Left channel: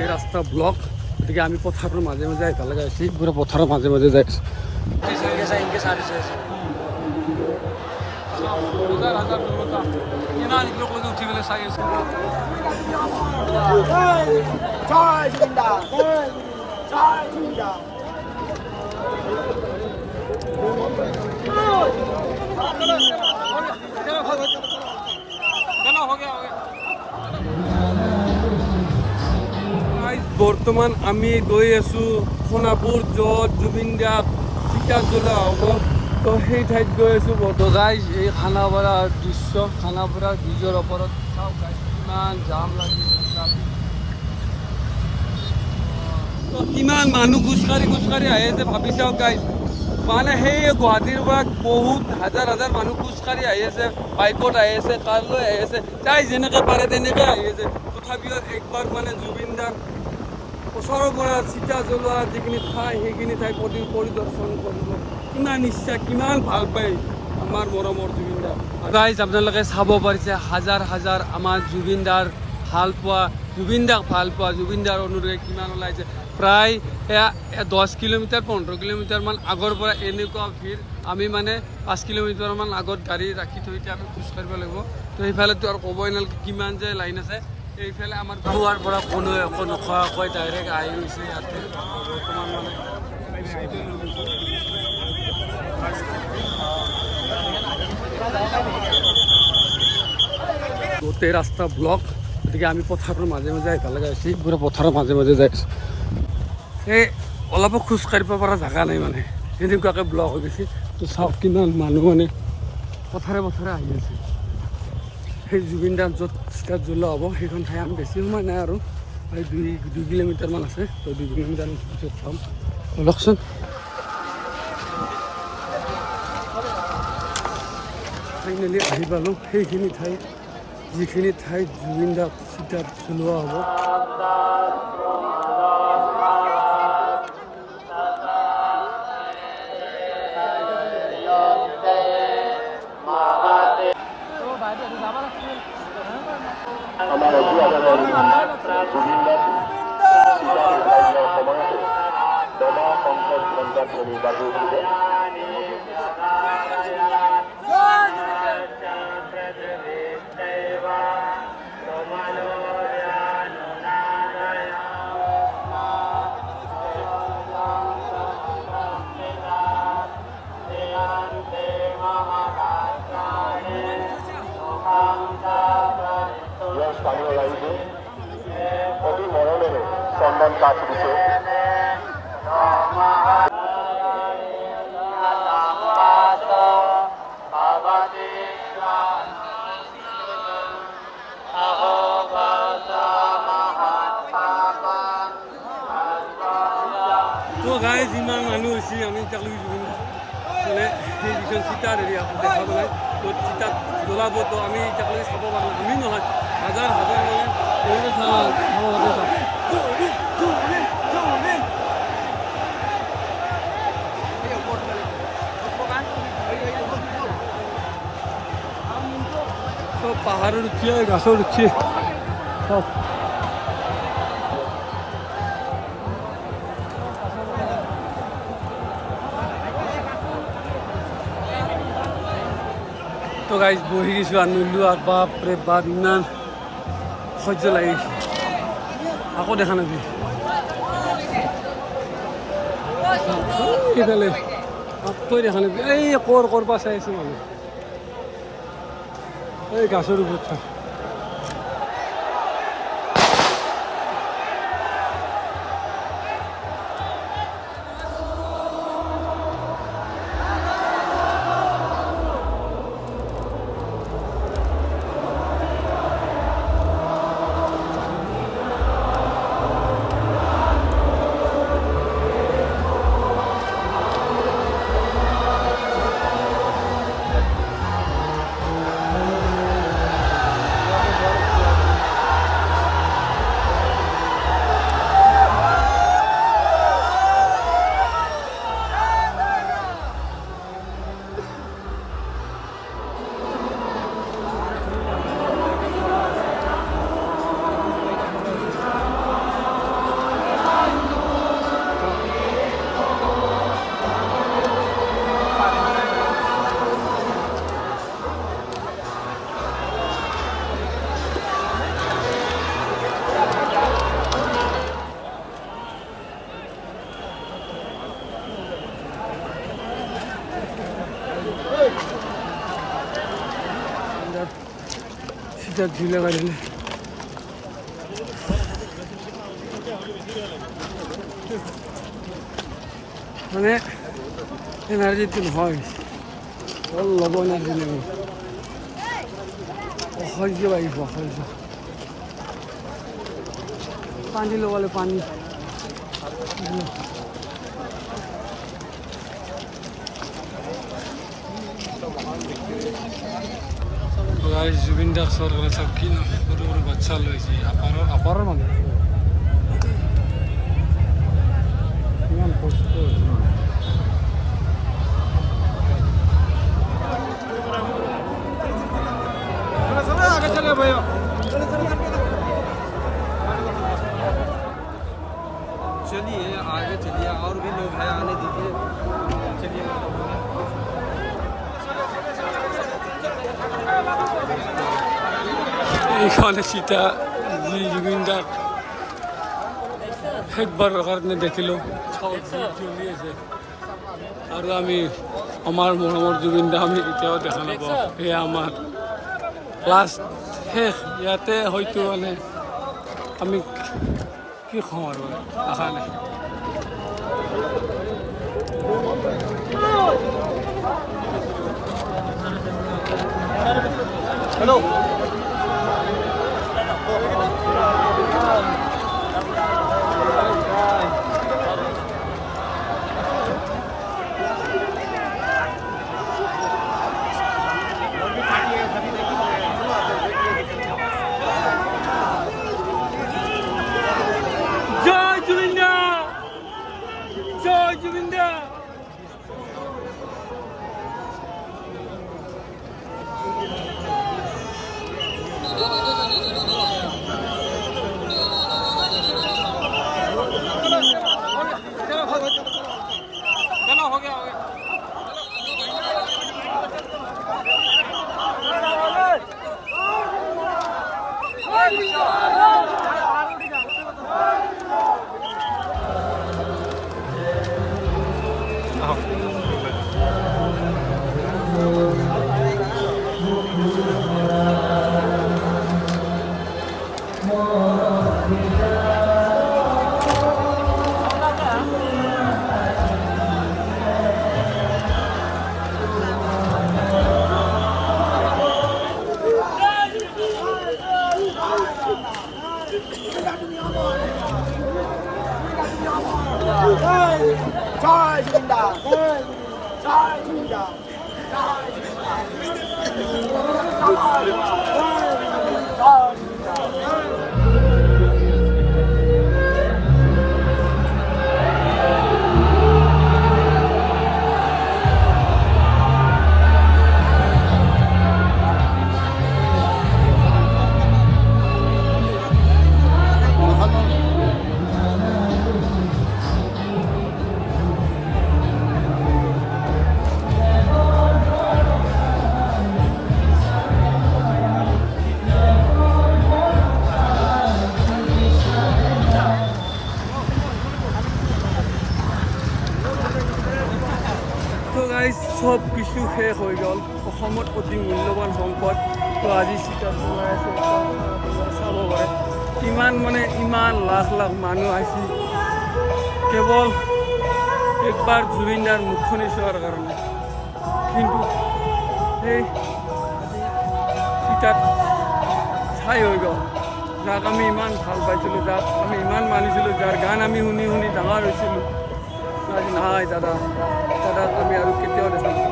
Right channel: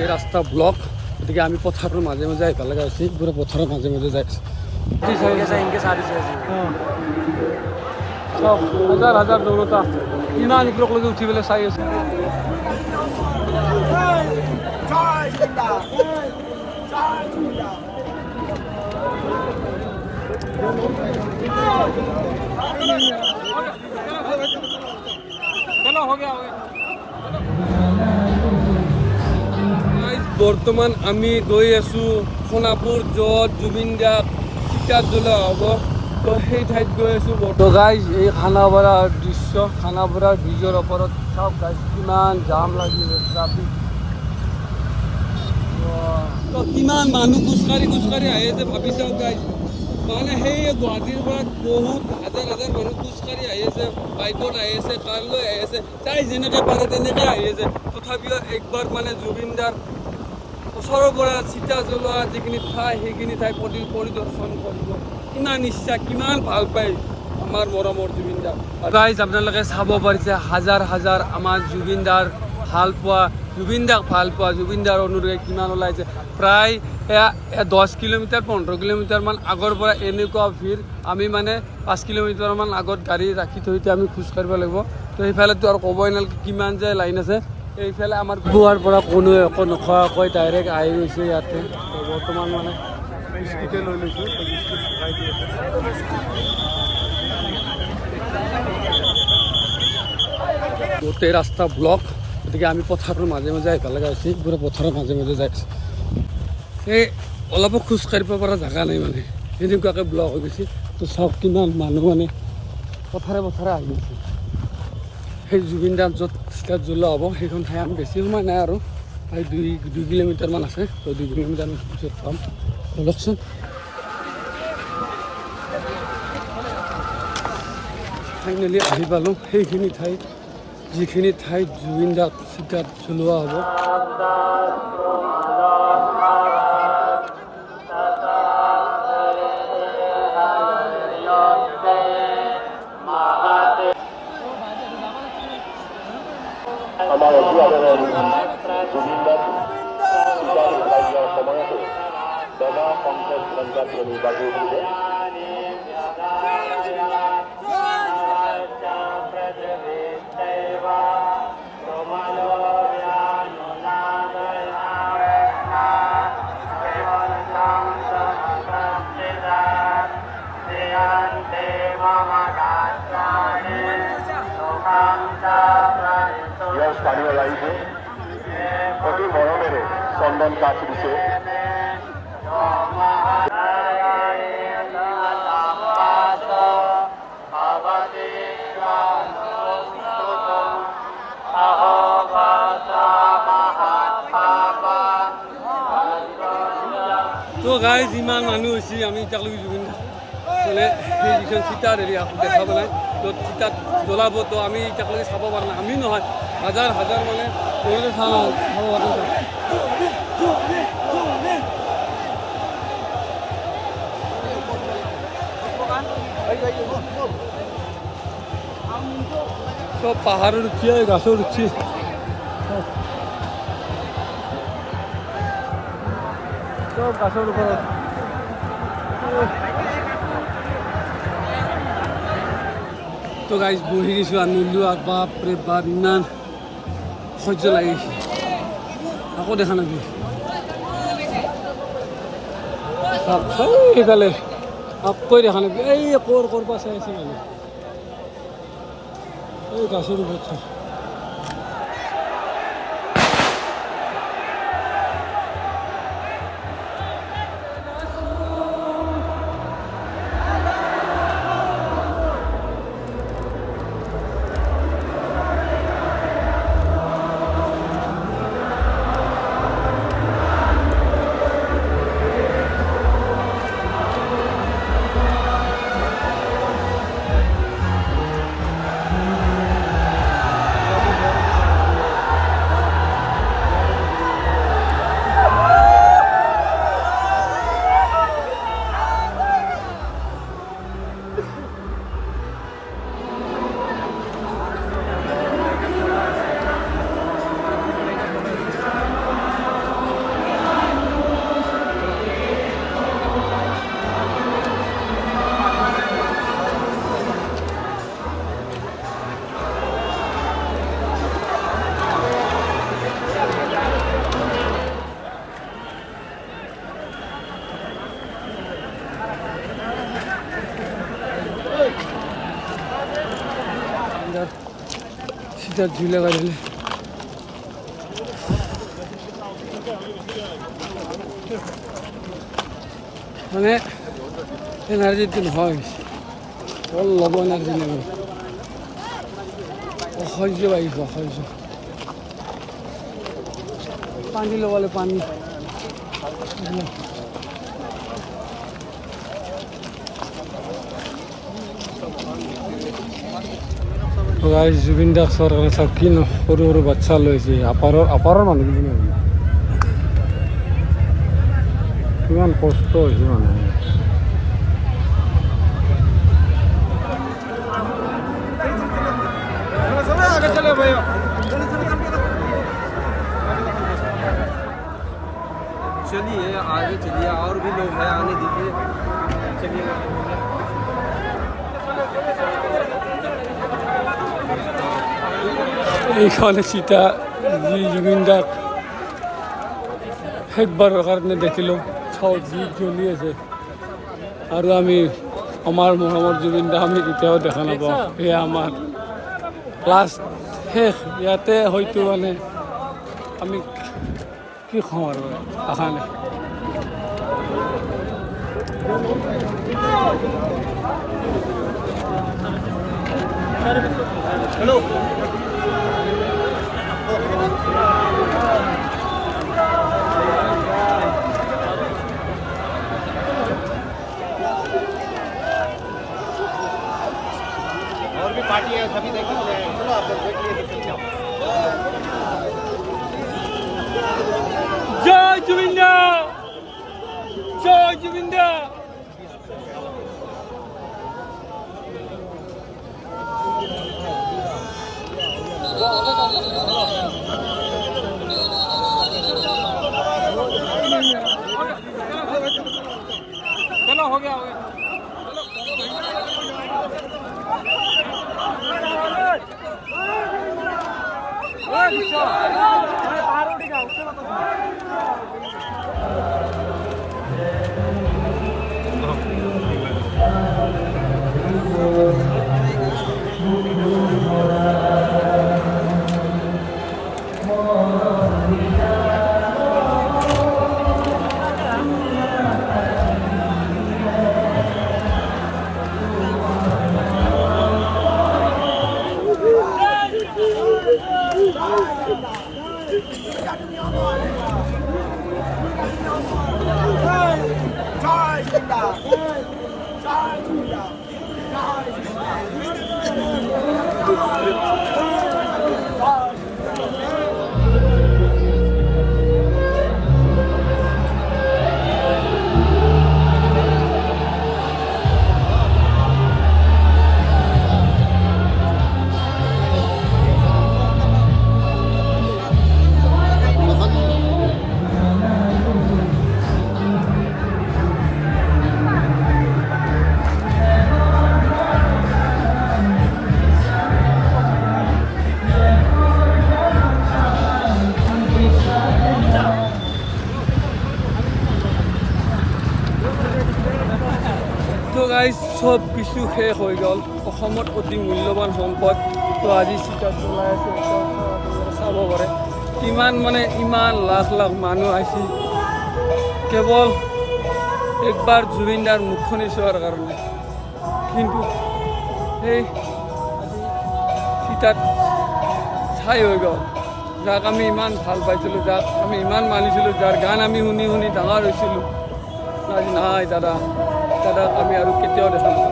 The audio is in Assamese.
এই ৰাস্তা ব্লক, গতিকে আমি পথাৰৰ মাজে মাজে আহিব লগা হৈছে। পুৰা পথাৰৰ মাজে মাজে যাই আছোঁ। হাজাৰ হাজাৰ দৌৰতা ইমান ওপৰলৈকে উঠি পেলাই চাই আছোঁ। বৰ্তমান আমি গৈ আছোঁ সোণাপুৰ, য'ত জুবিন দাক চিতাত জ্বলোৱা হ'ব। তো সেই ঠাইত গৈ আছোঁ। তো গাইজ, এই খানাপাৰাৰ দৃশ্য, খানাপাৰাৰ ব্ৰিজৰ ওপৰত চাওক গাইজ, কিমান জাম লাগি আছে, ট্ৰাফিক। তো কিমান মানুহ খোজকাঢ়ি আহি আছে ভাবি চাওক গাইজ। মানে সেই গুৱাহাটীৰ পৰা বহুত হাজাৰ হাজাৰ মানুহ খোজকাঢ়ি আহি আছে, বাইকত আহি আছে, কাৰ লৈ আহি আছে, যাই যেনেকৈ পাৰে তেনেকৈ আহি আছে। তথাপিও একবাৰ মানে জুবিন দাৰ ওচৰৰ পৰা চিতা জ্বলোৱা যিখিনি ঠাই, সেইখিনি ঠাই পৰিদৰ্শন কৰিব। কিমান ইচ্ছা, কিমান ভাল পায় আমাৰ মৰমৰ জুবিন দাক। গাইজ, আপোনালোকে চাব পাৰিছে হাজাৰ হাজাৰ আমাৰ জুবিন দাৰ ভাল পোৱা, জুবিন দাক ভাল পোৱা, জুবিন দাৰ অনুৰাগী কিমান ওলাইছে। প্ৰায় 10 কিলোমিটাৰ 15 কিলোমিটাৰমান আগৰ পৰা এনেকুৱা ভিৰ। আমি মানে 5 কিলোমিটাৰমান আগত গাড়ী ৰাখি থৈ এতিয়া আমি খোজ কাঢ়িব লাগিব। তো সেইফালেতো আৰু ক'বই নালাগে কিমান যে লাইন আছে। এইফালে আমাৰ পুৱাৰ পৰা কোনো একো নোখোৱাকৈ ডাইৰেক্ট আহি গৈছে ইয়াতে। তো বৰ্তমান মানে স্কুটি লৈ লৈছোঁ। গোটেই ৰাস্তা ব্লক, গতিকে আমি পথাৰৰ মাজে মাজে আহিব লগা হৈছে। পুৰা পথাৰৰ মাজে মাজে যাই আছোঁ। এই অলপো খোজ কাঢ়িব পৰা জেগা নাই, মানে এনেকুৱাকৈ ব্লক হৈ গৈছে। তো চাওক কিমান মানুহ মানে পথাৰে আহি আছে। সেই জুবিন দাৰ য'ত চিতাত জ্বলোৱা হ'ব সেইখন ঠাই আমি বেছি সময় নাই আৰু প্ৰায় 2 কিলোমিটাৰমান আছে। তো 2 কিলোমিটাৰমান পিছত পাম। বলকচোন। ফাইনেলি আহি পালোঁ সেইখিনি ঠাইত, যিখিনি ঠাইত জুবিন দাক চিতাত জ্বলোৱা হ'ব। আমাৰ অভিভাৱকৰ জুবিন দাক চিতাত উঠাই দিয়াৰ সময়তে দবা সংকট পঞ্চায়ত নিৰ্বাচন হৈছে। স্থানীয় ৰাইজে অতি মৰমেৰে চন্দন কাঠ দিছে। তো গাইজ, ইমান মানুহ হৈছে, আমি এতিয়ালৈকে জুবিন মানে সেই যিখন চিতাৰ এৰিয়া দেখা পোৱা নাই। য'ত চিতাত জ্বলাব, তো আমি এতিয়ালৈকে চাব পৰা নাই। আমি নহয়, হাজাৰ হাজাৰ মানে চাব পৰা নাই। সব পাহাড়ের উঠি, গাছের উঠি সব গাছের উপরে। তো গাইজ বহি গেছো আর নইলো, আর বাপরে বাপ ইমান সহ্য লাগিছে। আকৌ দেখা নাবি এইফালে আকৌ দেখা নাবি। এই কৰবা চাই আছে মানুহ, এই গাছের উপর থাক। सीधा झूलेगा झूले মানে এনার্জিটো নহয় অলপ এনার্জি নেব অসহ্য বাঢ়িব অসহ্য পানী ল'বলৈ পানী জুবিন দাক চোৱাৰ কাৰণে চাওক কি সৰু সৰু বাচ্চা লৈছে আপাৰৰ মানুহ কিমান কষ্ট হৈছে মানে चलिए आगे चलिए और भी लोग हैं आने दीजिए चलिए এইখানে সীতা জুবিন দাক শেষবাৰৰ কাৰণে দেখিলোঁ চাওঁ যি জ্বলি আছে আৰু আমি আমাৰ মৰমৰ জুবিন দাক আমি কেতিয়াও দেখা নাপাওঁ সেয়া আমাৰ লাষ্ট শেষ ইয়াতে হয়তো মানে আমি কি কওঁ আৰু আশা নাই হেল্ল' और भी पार्टी है सभी देख लीजिए चलो आप लोग देख लीजिए জয় জুবিন দা জয় জুবিন দা चलो हो गया তো গাইজ সব কিছু শেষ হৈ গ'ল অসমত অতি মূল্যৱান সম্পদ তো আজি চিটা চলাই আছে চাব পাৰে কিমান মানে ইমান লাখ লাখ মানুহ আহিছে কেৱল একবাৰ জুবিন দাৰ মুখখনি চোৱাৰ কাৰণে কিন্তু সেই চিটাত ছাই হৈ গ'ল যাক আমি ইমান ভাল পাইছিলোঁ যাক আমি ইমান মানিছিলোঁ যাৰ গান আমি শুনি শুনি ডাঙৰ হৈছিলোঁ আজি নাই দাদাক আমি আৰু কেতিয়াও দেখা নাপাওঁ